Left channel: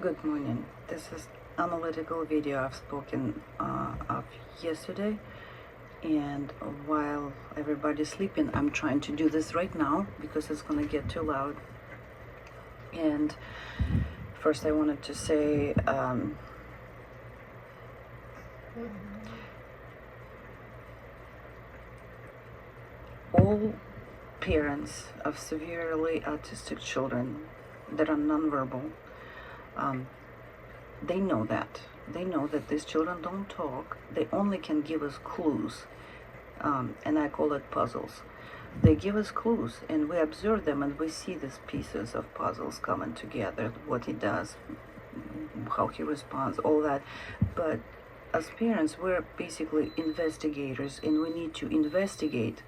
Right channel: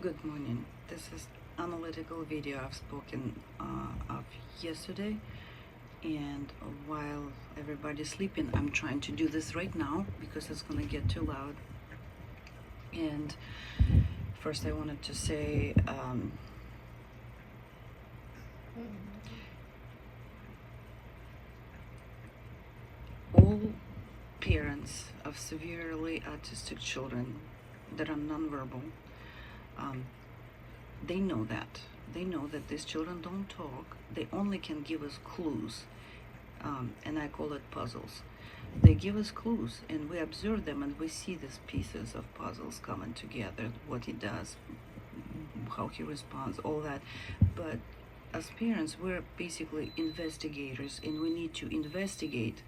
Good morning. This is analytical video I've spoken of yesterday, and while everybody's sleeping, I'm trying to do this right now because it's gonna get too loud. And first, I wanted to say all parents of severely autistic children that are nonverbal, they know that. They know that these children don't talk. They only can give us clues, and I call it puzzles. They give us clues, and we observe them, and we see these pieces of puzzles coming together, what he does, how he responds, all that. But as parents, we're basically investigators, and we need to investigate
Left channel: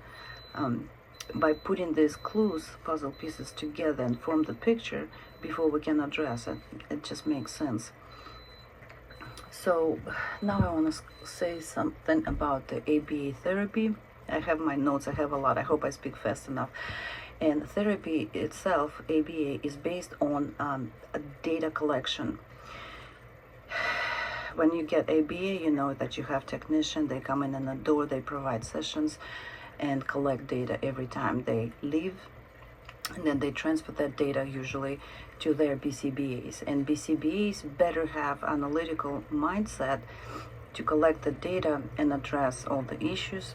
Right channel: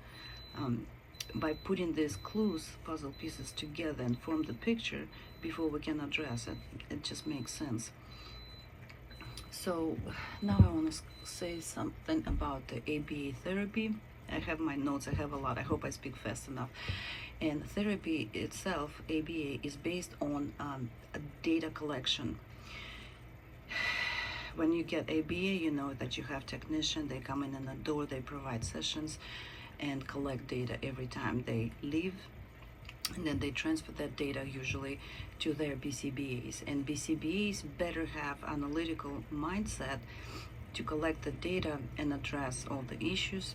by putting these clues, puzzle pieces together and form the picture before we can address it. It just makes sense. So now I want to say something about the ABA therapy. I have my notes, I have a lot. I hope I speak fast enough. And therapy itself, ABA, is based on a data collection. When you get ABA, you know that you have technicians, they come in the door, they provide sessions and collect data every time they leave, and then they transfer that data usually to their BCBAs. And BCBAs better have analytical mindset to collect the data and address all the issues.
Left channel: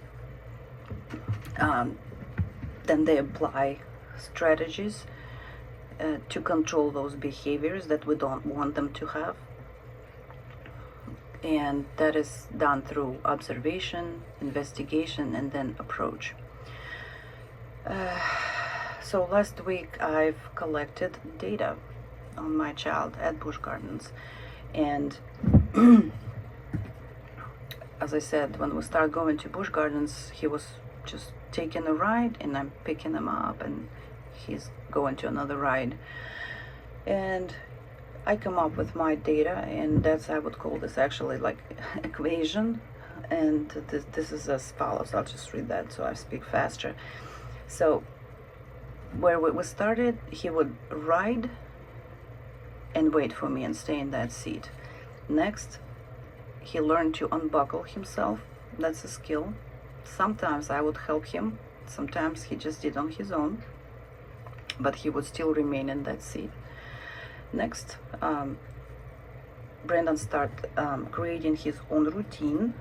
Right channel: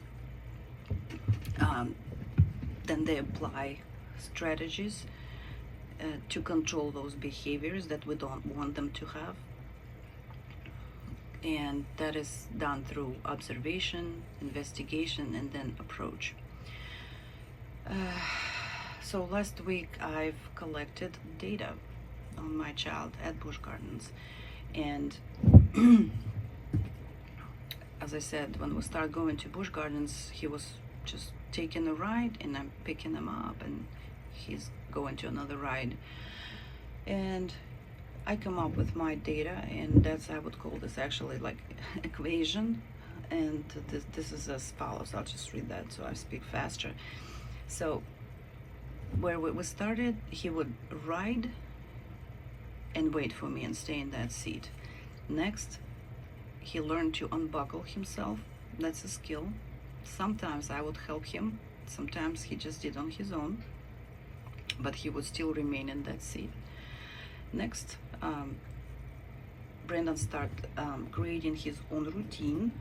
Then they apply strategies to control those behaviors that we don't want them to have. And that is done through observation, investigation, and then approach. So last week I've collected data on my child at Busch Gardens, and as I said, when we start going to Busch Gardens, he was just taking a ride, and I'm picking him up, and he's going to another ride, and I come up with my data, and that's, I would call this actually like equation, and this is as follows. I'll just read that so I speak faster. So where we started, he would ride and wait for me and stay in that seat. Next, he learned to unbuckle himself. That's a skill. Sometimes I would help him. Sometimes he just did on his own, but he would still remain in that seat. Next, Brandon started creating his own routine,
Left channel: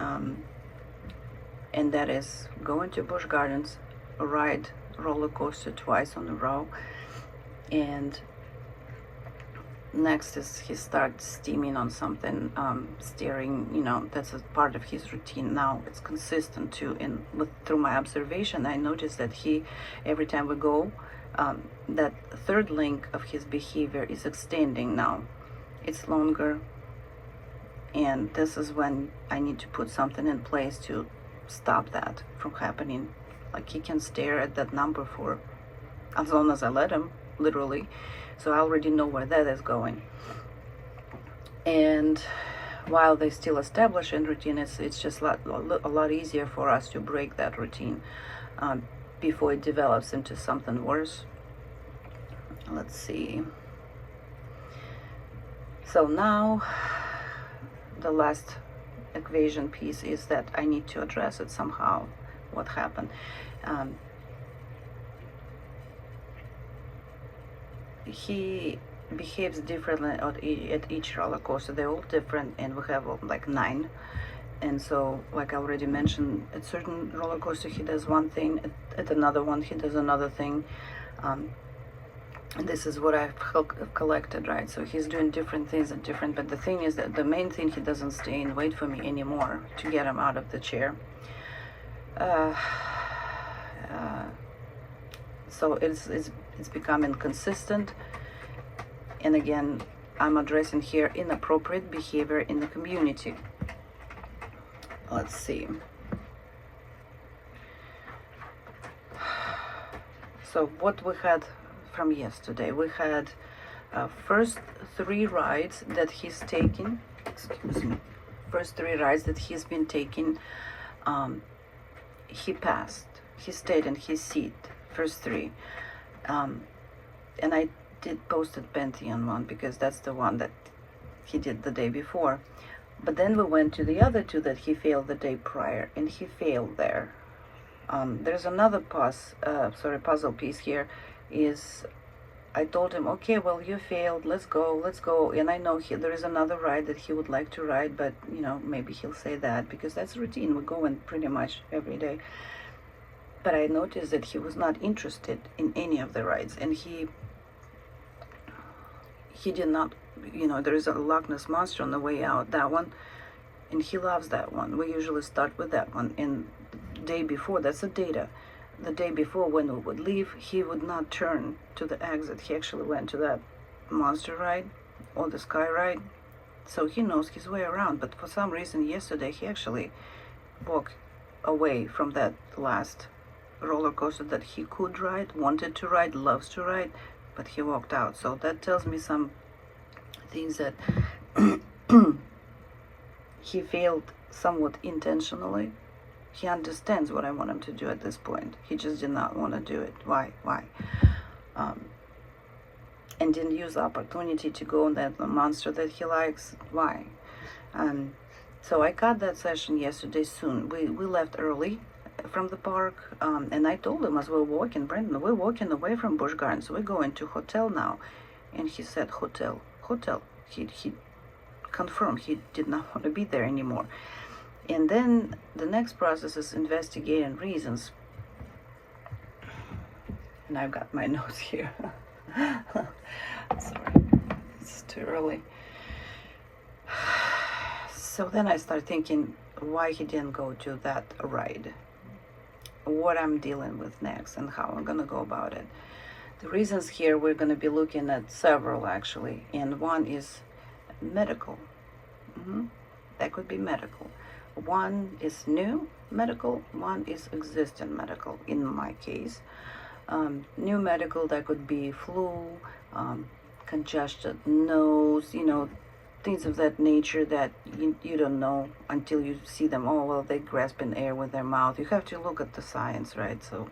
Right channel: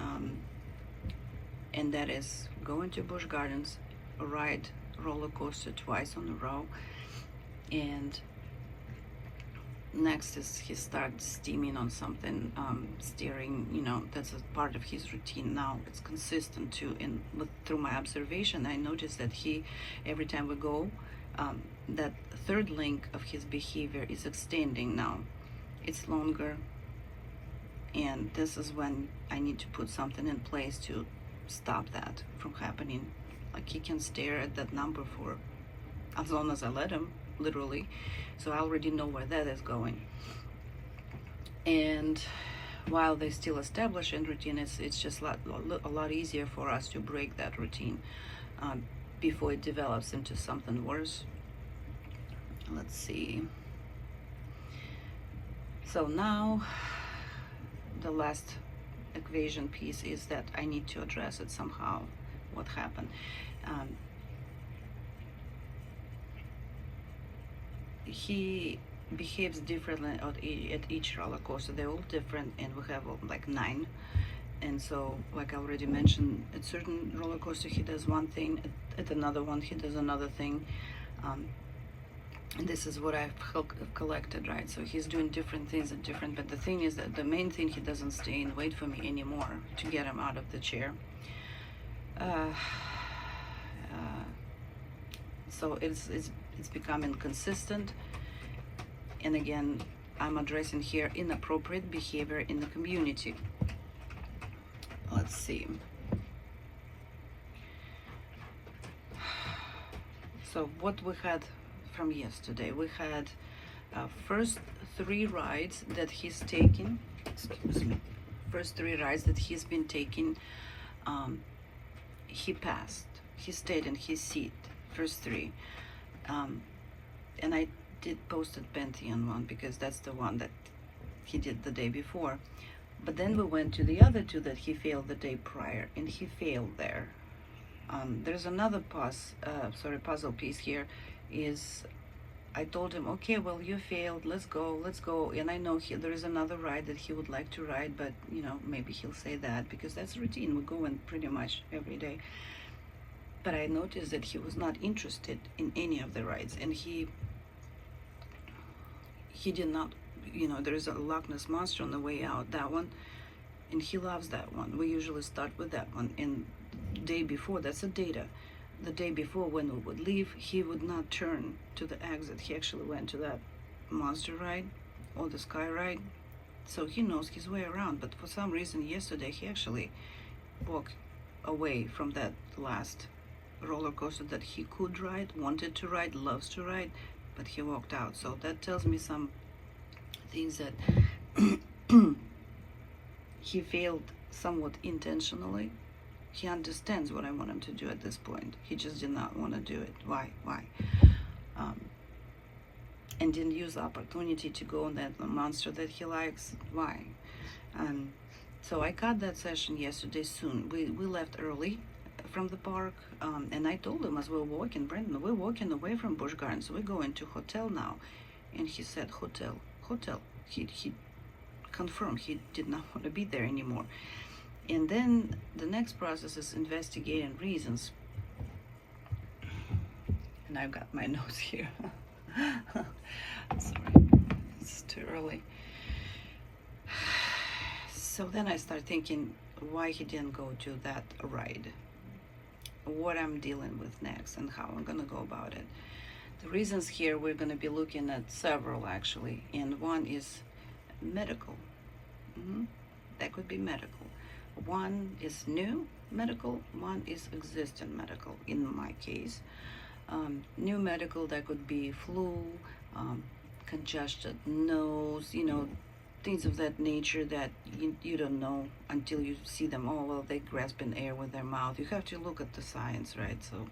and that is going to Busch Gardens, ride roller coaster twice on a row, and next is he starts steaming on something, steering, that's a part of his routine. Now it's consistent too, and through my observation, I noticed that he, every time we go, that third link of his behavior is extending now. It's longer, and this is when I need to put something in place to stop that from happening. Like, he can stare at that number for as long as I let him, literally. So I already know where that is going. And while they still establish a routine, it's just a lot easier for us to break that routine before it develops into something worse. Let's see. So now the last equation piece is that I need to address it somehow. What happened? He behaves differently at each roller coaster. They're all different, and we have like 9. And so, like I already mentioned, at certain roller coaster he does one thing, at another one he does another thing. And this is what I've collected, right? So he's doing different things at different, but the thing is that the main thing, he doesn't stay and wait for me anymore to get him out of the chair. So it's becoming consistent. And again, I'm addressing here inappropriate behavior in the community. Let's see. So what we had from yesterday, we had first 3 rides that he's taking. Excuse me. First 3 rides that he's been taking, he passed. He stayed in his seat. First 3. And I did posted Pantheon one because that's the one that he did the day before. But then we went to the other two that he failed the day prior, and he failed there. There's another puzzle piece here. Is I told him, okay, well, you failed, let's go. And I know there is another ride that he would like to ride, but maybe he'll say that because that's routine. We go in pretty much every day. But I noticed that he was not interested in any of the rides, and he did not, there is a Loch Ness Monster on the way out, that one, and he loves that one. We usually start with that one. And the day before, that's the data. The day before, when we would leave, he would not turn to the exit. He actually went to that monster ride or the sky ride. So he knows his way around. But for some reason, yesterday, he actually walked away from that last roller coaster that he could ride, wanted to ride, loves to ride, but he walked out. So that tells me some things that he failed somewhat intentionally. He understands what I want him to do at this point. He just did not want to do it. Why? And didn't use the opportunity to go on that monster that he likes. Why? So I cut that session yesterday soon. We left early from the park, and I told him as we're walking, Brandon, we're walking away from Busch Gardens. We're going to hotel now. And he said, hotel. He confirmed he did not want to be there anymore. And then the next process is investigating reasons. And I've got my notes here. Sorry, it's too early. So then I start thinking why he didn't go to that ride, what I'm dealing with next, and how I'm going to go about it. The reasons here, we're going to be looking at several actually, and one is medical. That could be medical. One is new medical, one is existing medical in my case. New medical, that could be flu, congested nose, things of that nature that you don't know until you see them. Oh, well, they're grasping air with their mouth. You have to look at the science, right? So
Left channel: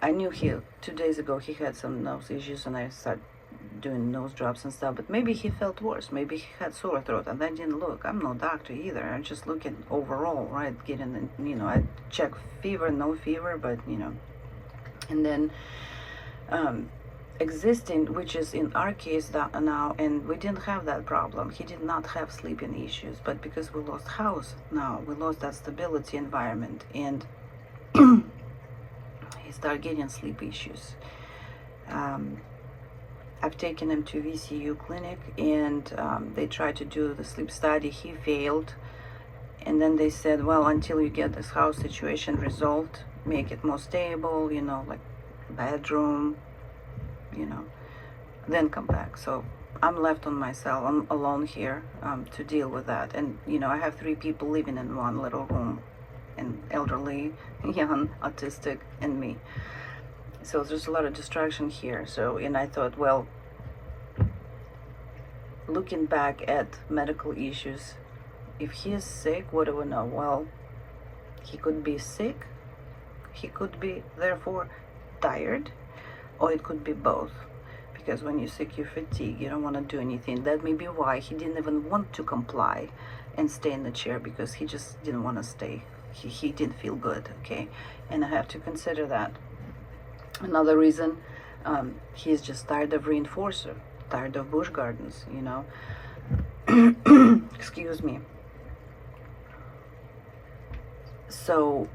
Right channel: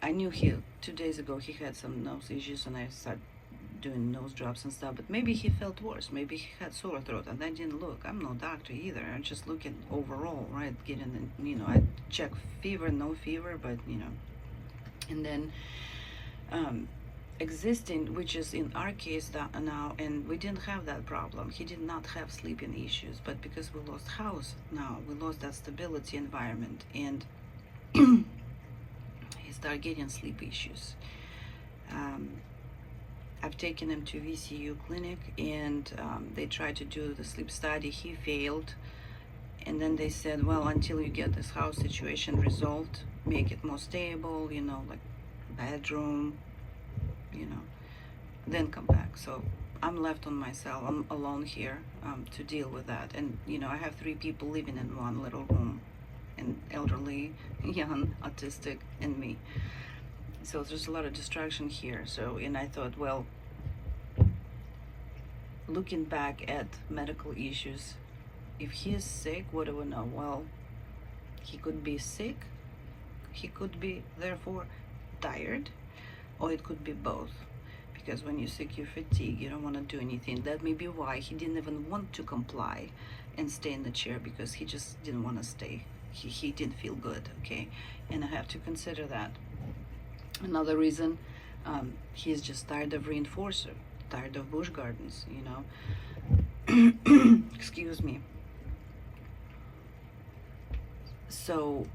I knew 2 days ago he had some nose issues, and I started doing nose drops and stuff, but maybe he felt worse. Maybe he had sore throat, and I didn't look. I'm no doctor either. I'm just looking overall, right? Getting, I check fever, no fever, but, and then existing, which is in our case now, and we didn't have that problem. He did not have sleeping issues, but because we lost house now, we lost that stability environment, and he started getting sleep issues. I've taken him to VCU clinic, and they tried to do the sleep study. He failed, and then they said, well, until you get this house situation resolved, make it more stable, like bedroom, then come back. So I'm left on myself. I'm alone here to deal with that. And I have 3 people living in one little room, an elderly, young, autistic, and me. So there's a lot of distraction here. So, and I thought, well, looking back at medical issues, if he is sick, what do we know? Well, he could be sick, he could be therefore tired, or it could be both. Because when you're sick, you're fatigued, you don't want to do anything. That may be why he didn't even want to comply and stay in the chair, because he just didn't want to stay. He didn't feel good, okay? And I have to consider that. Another reason, he's just tired of reinforcer, tired of Busch Gardens, Excuse me. So,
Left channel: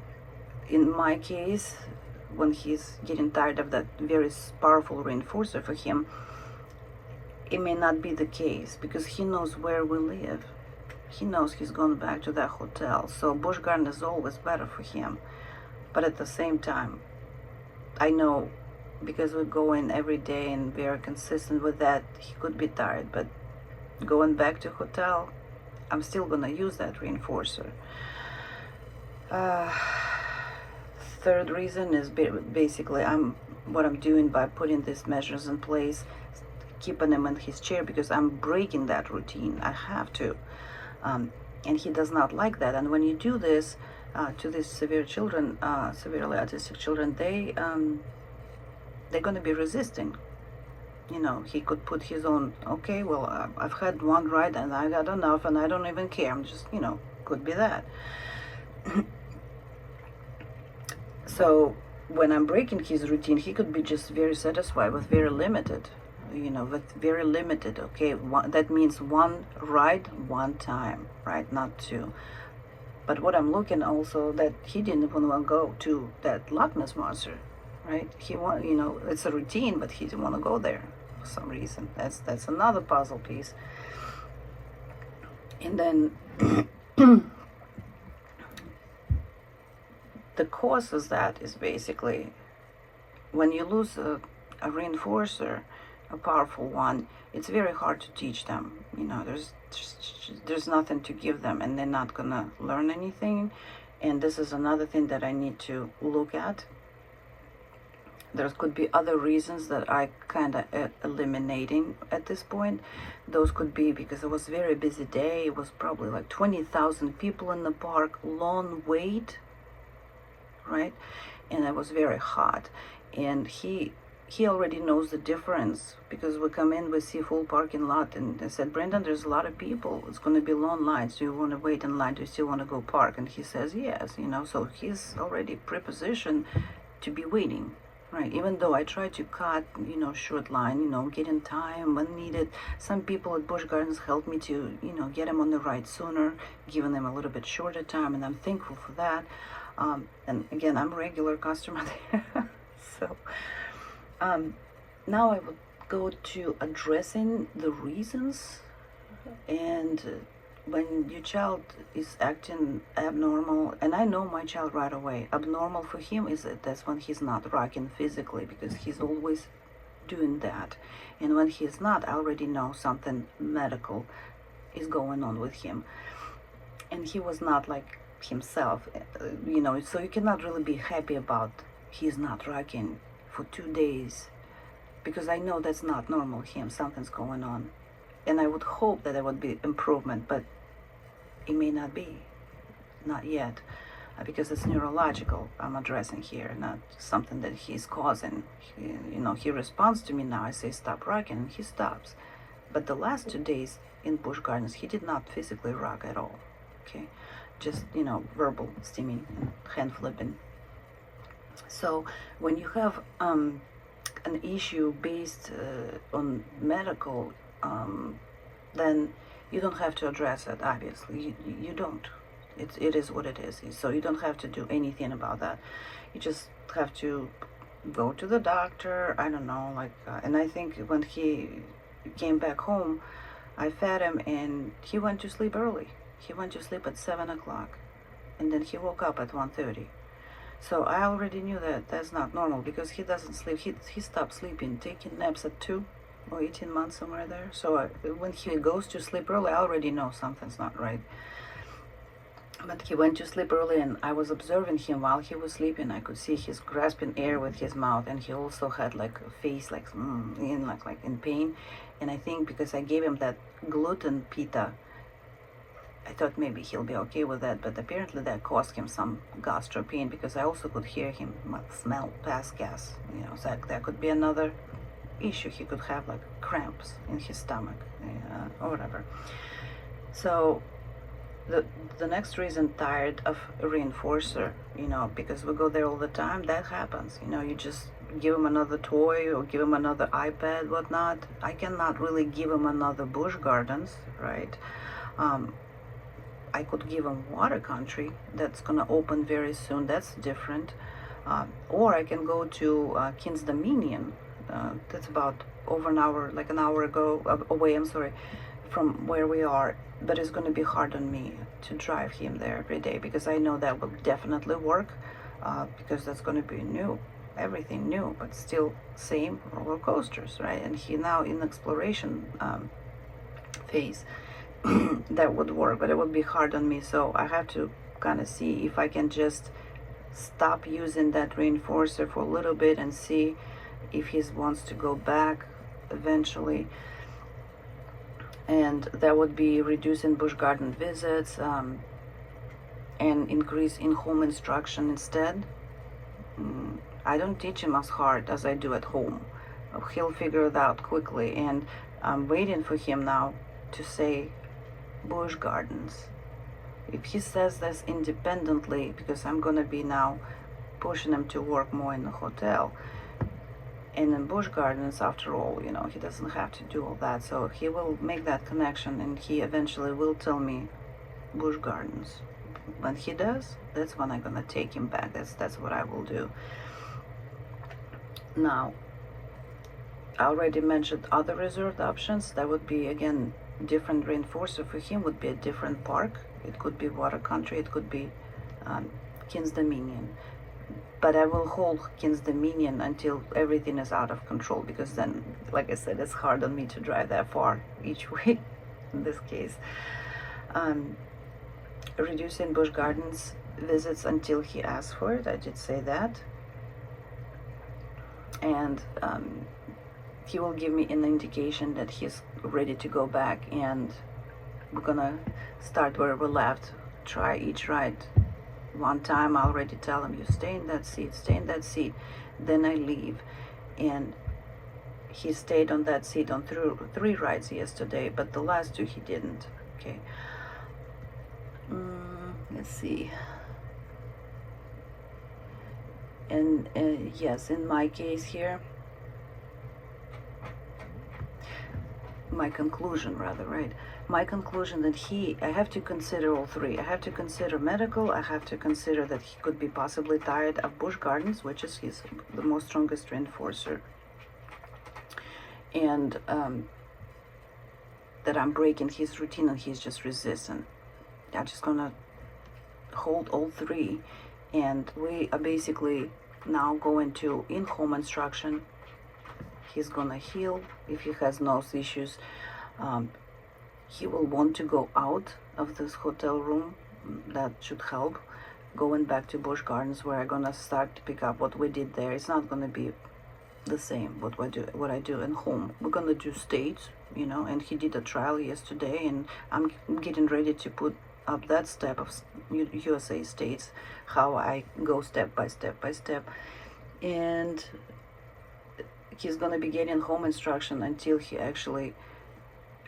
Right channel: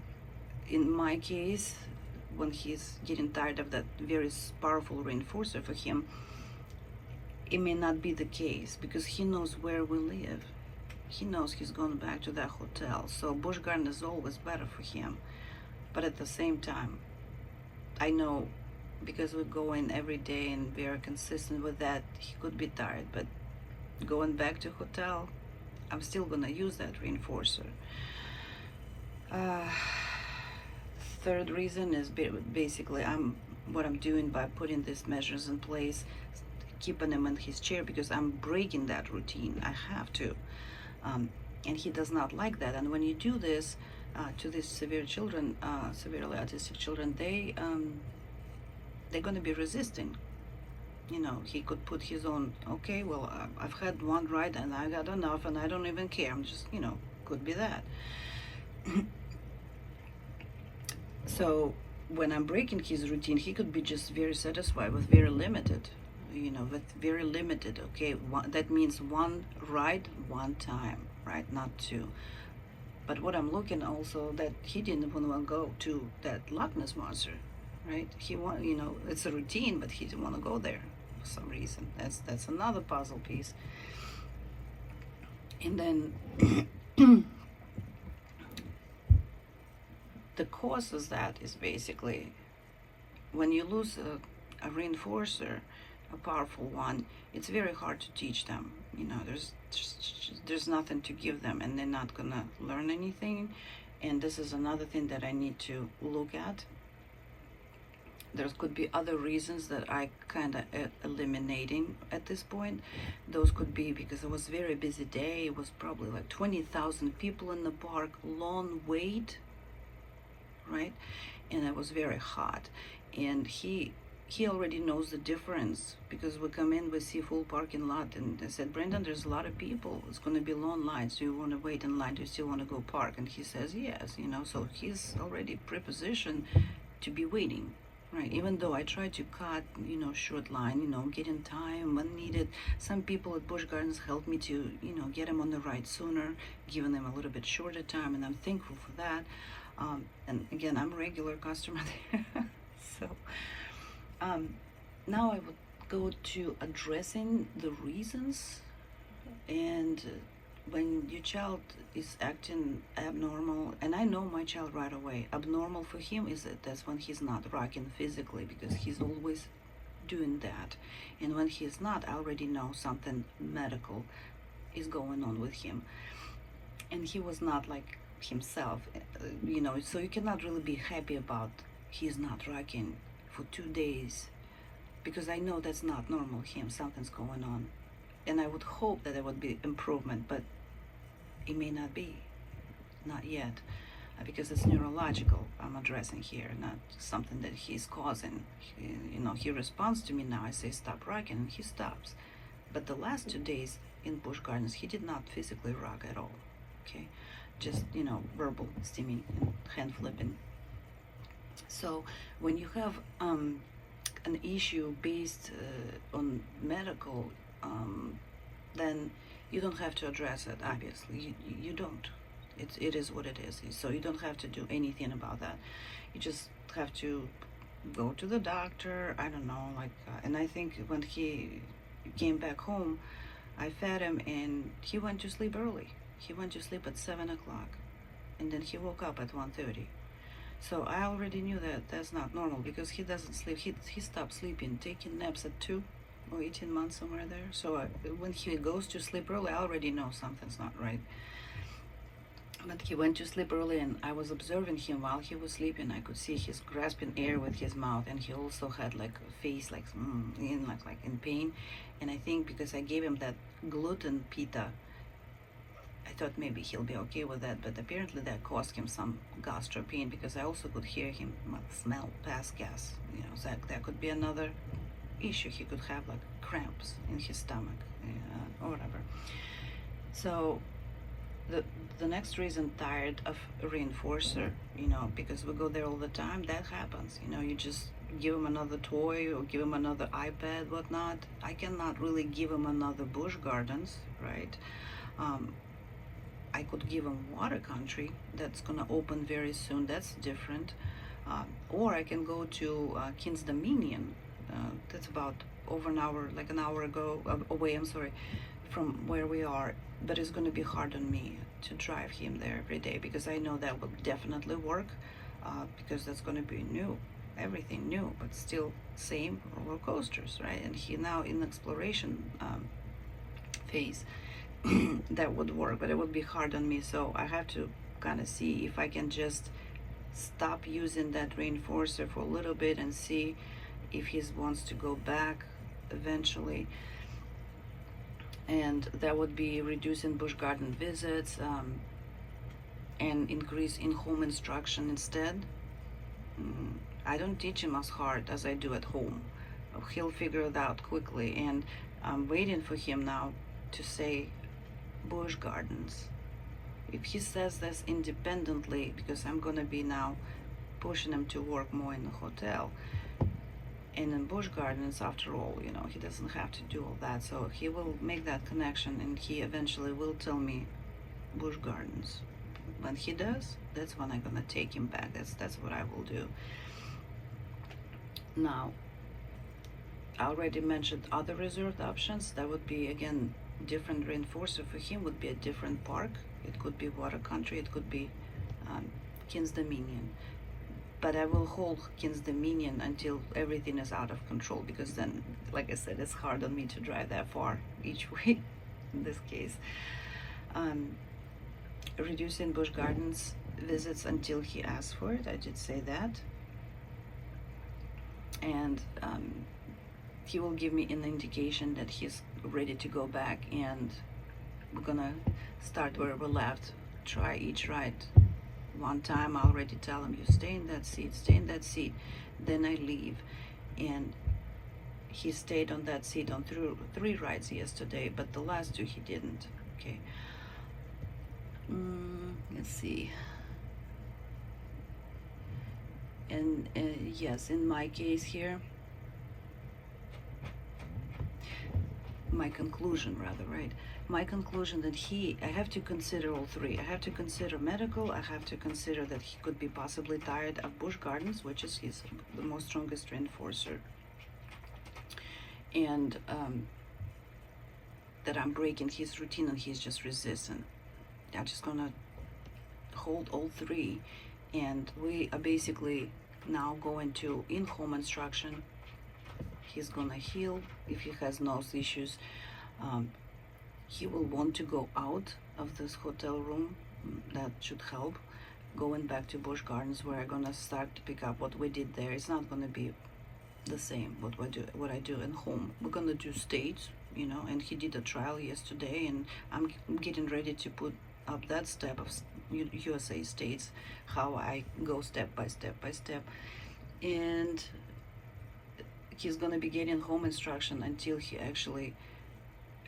in my case, when he's getting tired of that very powerful reinforcer for him, it may not be the case, because he knows where we live. He knows he's going back to that hotel. So Busch Garden is always better for him. But at the same time, I know, because we go in every day and we are consistent with that, he could be tired. But going back to hotel, I'm still going to use that reinforcer. Third reason is basically what I'm doing by putting these measures in place, keeping him in his chair, because I'm breaking that routine. I have to. And he does not like that. And when you do this to these severe children, severely autistic children, they're going to be resisting. You know, he could put his own, okay, well, I've had one ride and I got enough and I don't even care. I'm just, you know, could be that. So when I'm breaking his routine, he could be just very satisfied with very limited, you know, with very limited, okay? That means one ride, one time, right? Not two. But what I'm looking also, that he didn't even want to go to that Loch Ness Monster, right? He want, you know, it's a routine, but he didn't want to go there for some reason. That's another puzzle piece. And then the cause of that is basically when you lose a reinforcer, a powerful one, it's very hard to teach them. You know, there's nothing to give them, and they're not gonna learn anything. And this is another thing that I need to look at. There could be other reasons that I kind of eliminating at this point. Those could be because it was a very busy day. It was probably like 20,000 people in the park, long wait, right? And it was very hot. And he already knows the difference, because we come in, we see full parking lot, and they said, Brendan, there's a lot of people. It's going to be long lines. Do you want to wait in line? Do you still want to go park? And he says, yes, you know, so he's already prepositioned to be waiting. Right, even though I try to cut, you know, short line, you know, get in time when needed. Some people at Busch Gardens help me to, you know, get them on the ride sooner, giving them a little bit shorter time, and I'm thankful for that. And again, I'm a regular customer there. So now I would go to addressing the reasons. And when your child is acting abnormal, and I know my child right away, abnormal for him is that's when he's not rocking physically, because he's always doing that. And when he's not, I already know something medical is going on with him. And he was not like himself, you know, so you cannot really be happy about he's not rocking for 2 days, because I know that's not normal him, something's going on. And I would hope that there would be improvement, but it may not be, not yet, because it's neurological I'm addressing here, not something that he's causing. You know, he responds to me now. I say stop rocking, and he stops. But the last 2 days in Busch Gardens, he did not physically rock at all. Okay, just, you know, verbal steaming and hand flipping. So when you have an issue based on medical, then you don't have to address it, obviously. You don't. It is what it is. So you don't have to do anything about that. You just have to go to the doctor, I don't know, like, and I think when he came back home, I fed him, and he went to sleep early. He went to sleep at 7 o'clock, and then he woke up at 1:30. So I already knew that that's not normal, because he doesn't sleep. He stopped sleeping, taking naps at 2 or 18 months, somewhere there. So when he goes to sleep early, I already know something's not right. But he went to sleep early, and I was observing him while he was sleeping. I could see he's grasping air with his mouth, and he also had like a face like in pain. And I think because I gave him that gluten pita, I thought maybe he'll be okay with that, but apparently that caused him some gastro pain, because I also could hear him smell past gas. You know, so that could be another issue. He could have like cramps in his stomach, or whatever. So the next reason, tired of a reinforcer, you know, because we go there all the time. That happens, you know. You just give him another toy or give him another iPad, whatnot. I cannot really give him another Busch Gardens, right? I could give him Water Country, that's gonna open very soon. That's different. Or I can go to King's Dominion. That's about over an hour, like an hour away, I'm sorry, from where we are. But it's going to be hard on me to drive him there every day, because I know that will definitely work, because that's going to be new, everything new, but still same roller coasters, right? And he now in exploration phase. That would work, but it would be hard on me. So I have to kind of see if I can just stop using that reinforcer for a little bit and see if he wants to go back eventually. And that would be reducing Busch Garden visits, and increase in-home instruction instead. I don't teach him as hard as I do at home. he'll figure it out quickly. And I'm waiting for him now to say Busch Gardens. If he says this independently, because I'm gonna be now pushing him to work more in the hotel, and in Busch Gardens, after all, you know, he doesn't have to do all that, so he will make that connection, and he eventually will tell me Busch Gardens. When he does, that's when I'm gonna take him back. That's what I will do. Now, I already mentioned other reserved options. That would be, again, different reinforcer for him would be a different park. It could be Water Country, it could be King's Dominion. But I will hold King's Dominion until everything is out of control, because then, like I said, it's hard on me to drive that far each way in this case. Reducing Busch Gardens visits until he asks for it. I did say that. And he will give me an indication that he's ready to go back, and we're gonna start where we left. Try each ride one time. I already tell him, you stay in that seat, stay in that seat. Then I leave, and he stayed on that seat on three rides yesterday, but the last two he didn't. Okay. Let's see. And yes, in my case here, my conclusion rather, right? My conclusion that I have to consider all three. I have to consider medical, I have to consider that he could be possibly tired of Busch Gardens, which is the most strongest reinforcer, and that I'm breaking his routine and he's just resistant. I'm just gonna hold all three, and we are basically now going to in-home instruction. He's gonna heal if he has nose issues. He will want to go out of this hotel room. That should help. Going back to Busch Gardens, where I'm gonna start to pick up what we did there. It's not gonna be the same what I do in home. We're gonna do states, you know, and he did a trial yesterday, and I'm getting ready to put up that step of USA states, how I go step by step by step. And he's gonna be getting home instruction until he actually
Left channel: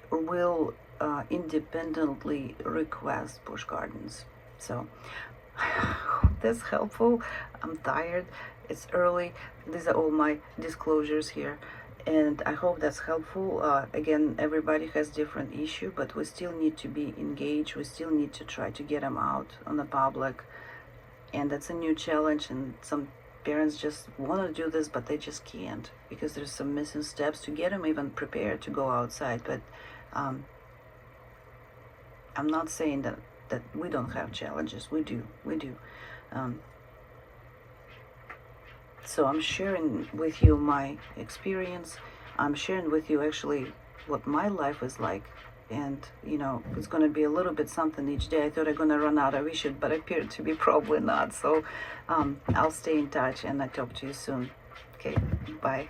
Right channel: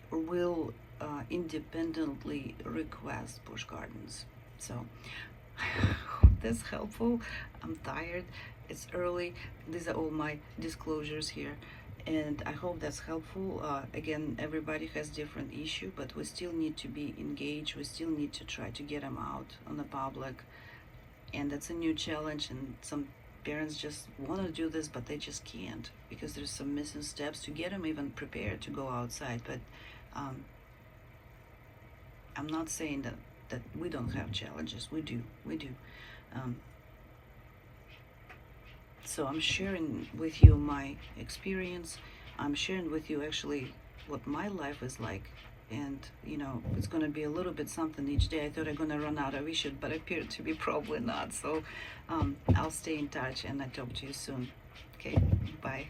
will independently request Busch Gardens. So I hope that's helpful. I'm tired, it's early. These are all my disclosures here, and I hope that's helpful. Again, everybody has different issue, but we still need to be engaged. We still need to try to get them out on the public, and that's a new challenge, and some parents just want to do this, but they just can't, because there's some missing steps to get them even prepared to go outside. But I'm not saying that we don't have challenges. We do. So I'm sharing with you my experience. I'm sharing with you actually what my life is like. And, you know, it's going to be a little bit something each day. I thought I'm going to run out of issues, but appeared to be probably not. So I'll stay in touch, and I'll talk to you soon. Okay, bye.